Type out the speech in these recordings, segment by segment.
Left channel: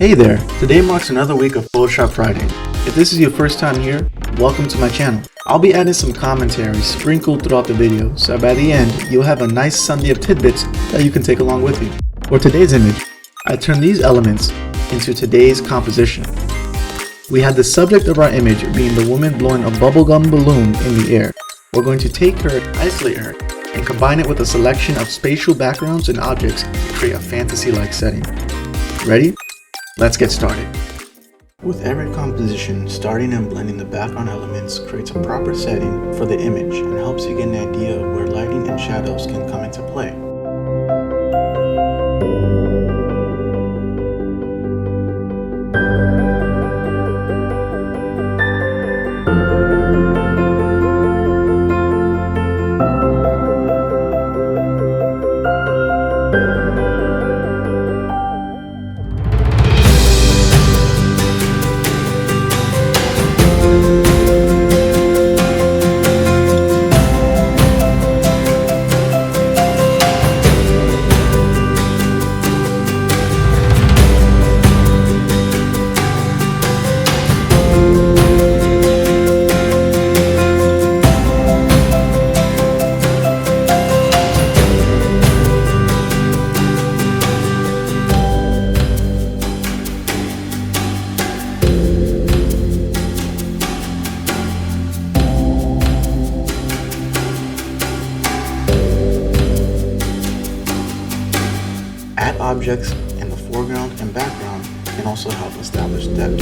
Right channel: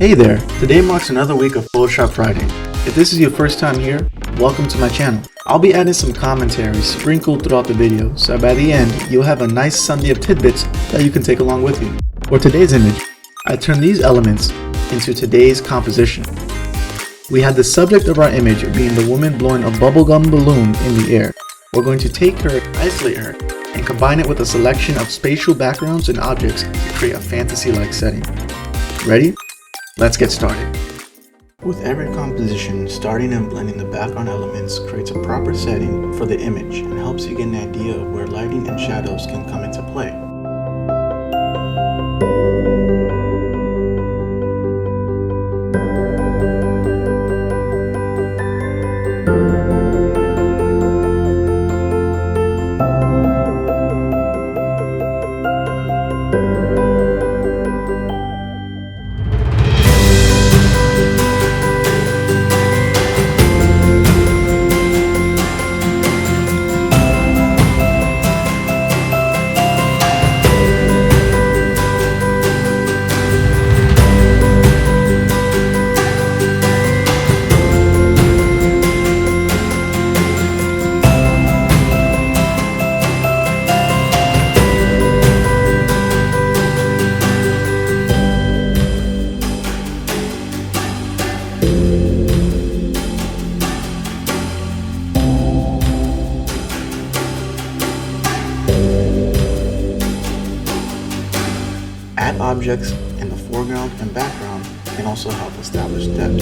Hey there! Today marks another week of Photoshop Friday. If this is your first time here, welcome to my channel. I'll be adding some commentary sprinkled throughout the video, so by the end, you'll have a nice Sunday of tidbits that you can take along with you. For today's image, I turned these elements into today's composition. We had the subject of our image being the woman blowing a bubblegum balloon in the air. We're going to take her, isolate her, and combine it with a selection of spatial backgrounds and objects to create a fantasy-like setting. Ready? Let's get started. With every composition, starting and blending the background elements creates a proper setting for the image and helps you get an idea of where lighting and shadows can come into play. Add objects in the foreground and background can also help establish depth.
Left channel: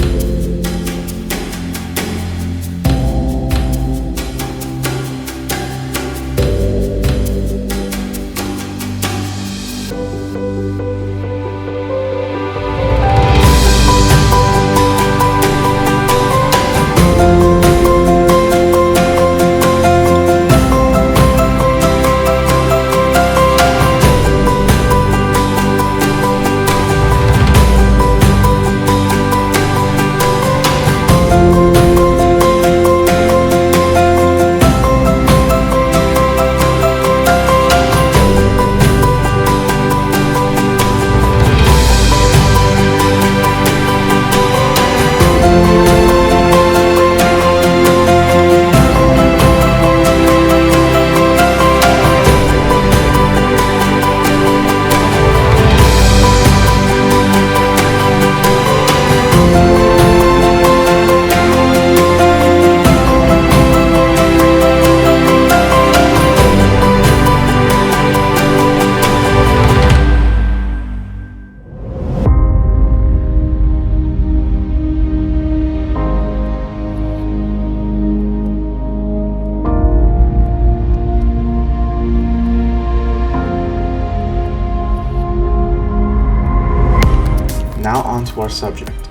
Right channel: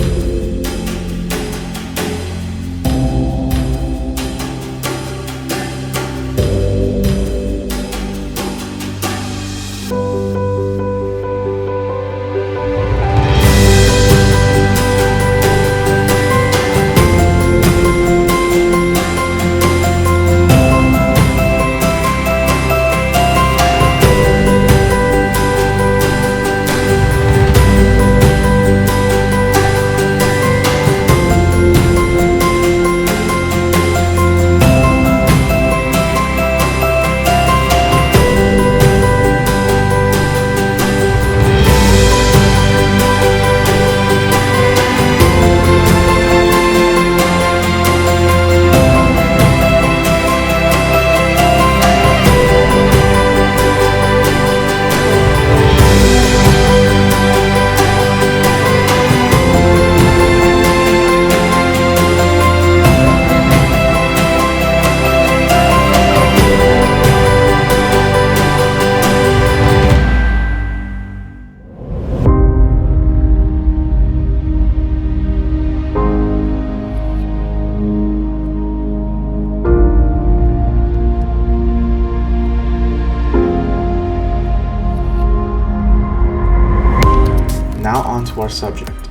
Now on to our subject,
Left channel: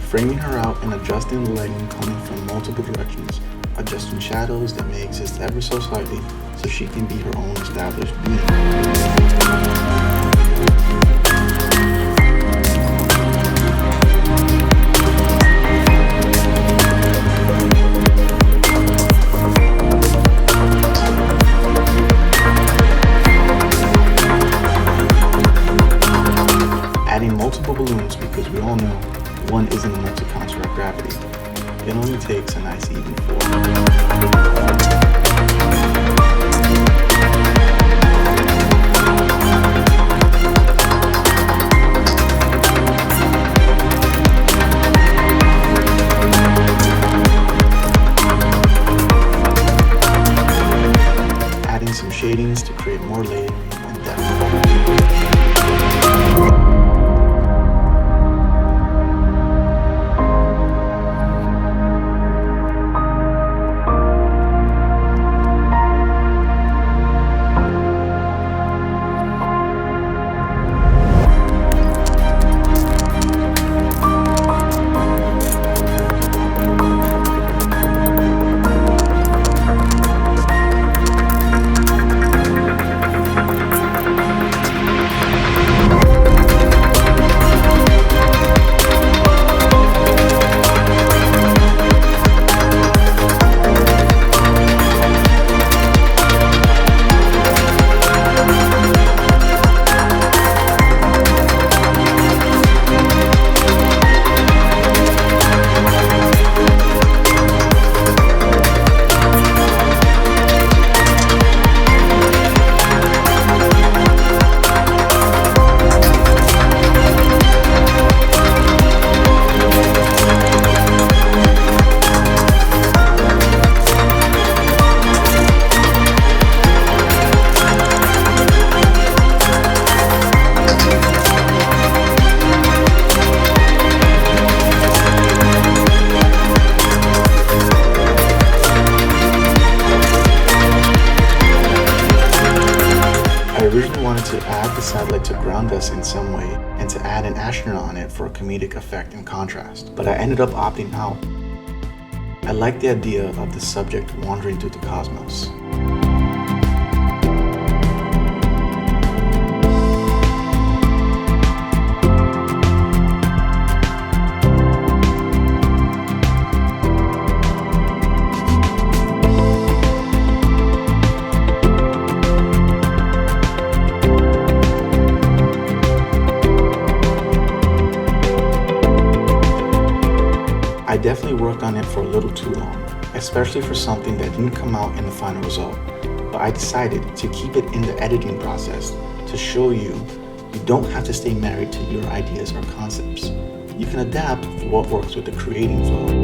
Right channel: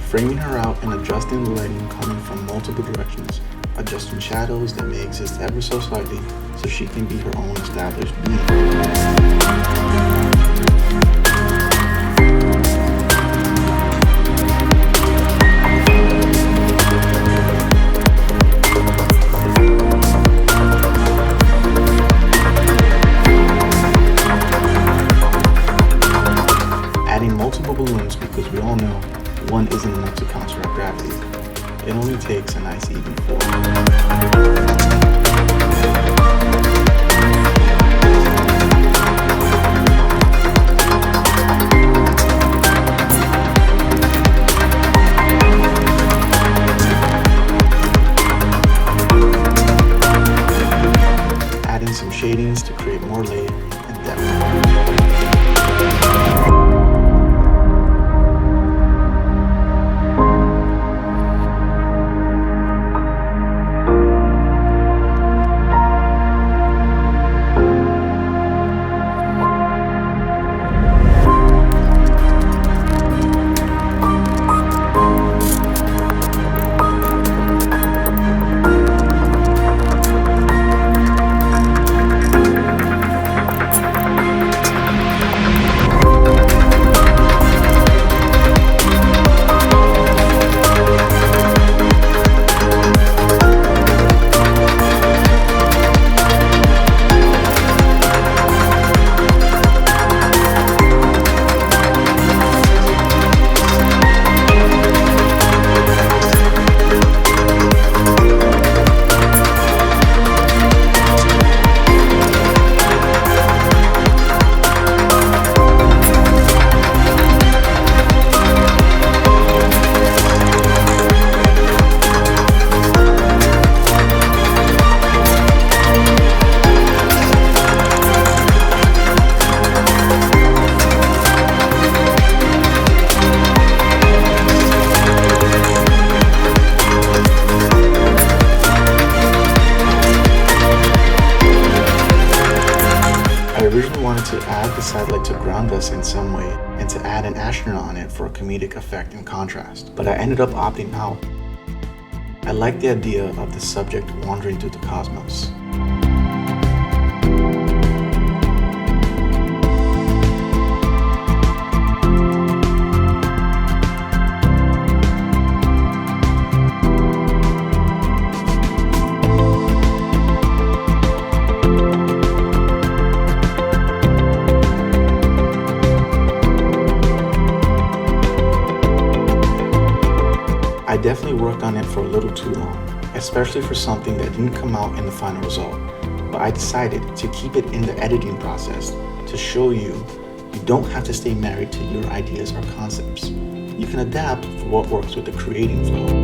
framing her out and adjusting the lighting coming from multiple directions, adjusting shadows that may exist ever so slightly so she can be her own established being. Adding multiple balloons because we all know one isn't enough to counteract gravity. It only takes a nice even four. Adding some shadings to create more layering and depth. to add the satellite to ground us in some way and to add an astronaut on it for a comedic effect and contrast, but I ended up opting out. I like the idea of the subject wandering through the cosmos. I definitely worked on it for a little too long, especially for something that didn't come out in the final result, but I decided to keep it in the editing process to show you don't have to stay married to your ideas or concepts. You can adapt for what works with the creating flow.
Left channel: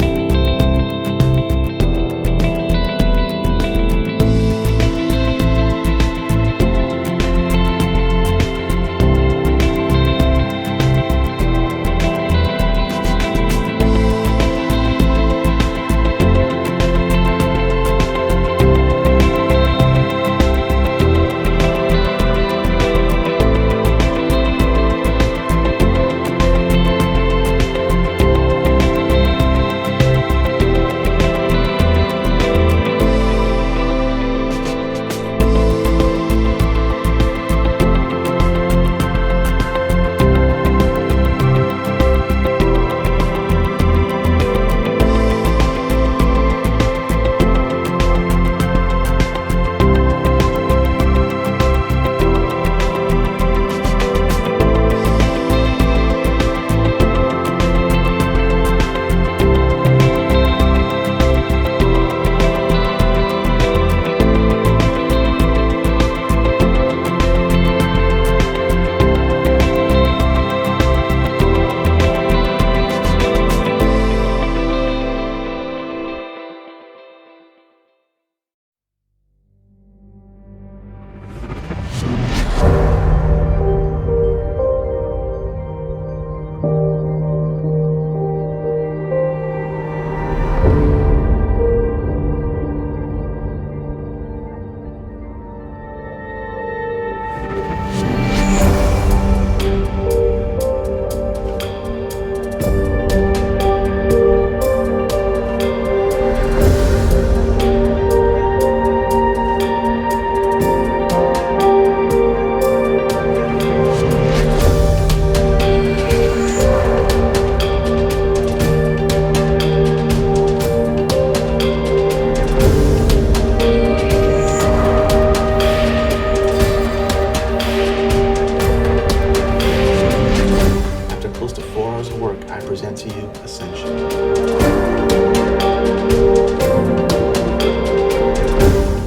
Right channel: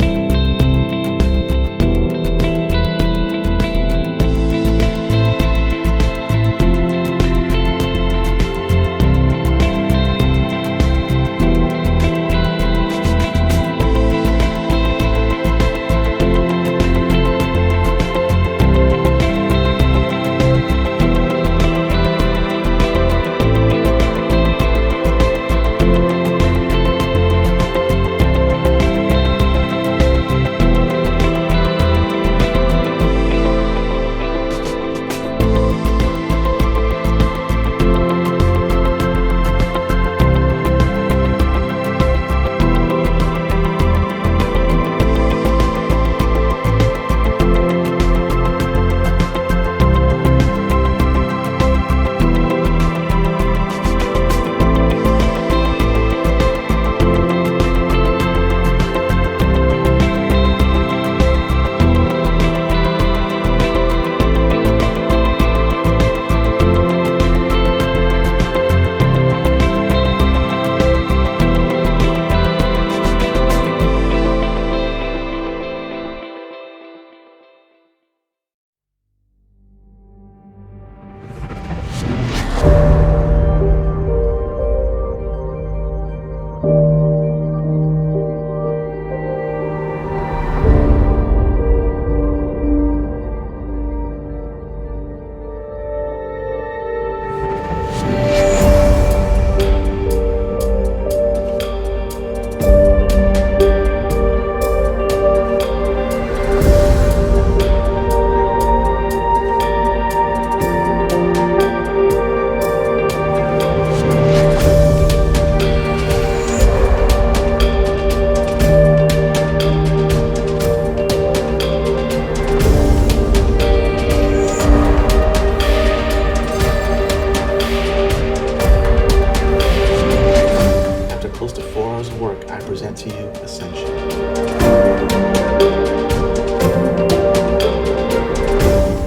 Close to 4 hours of work, I present to you Ascension.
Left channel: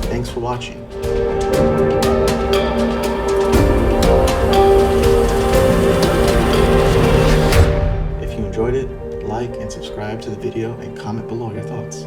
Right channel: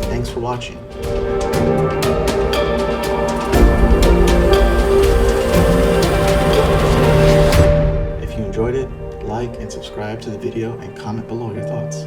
Thanks for watching. If you enjoyed it, like and subscribe to the video and comment below your thoughts.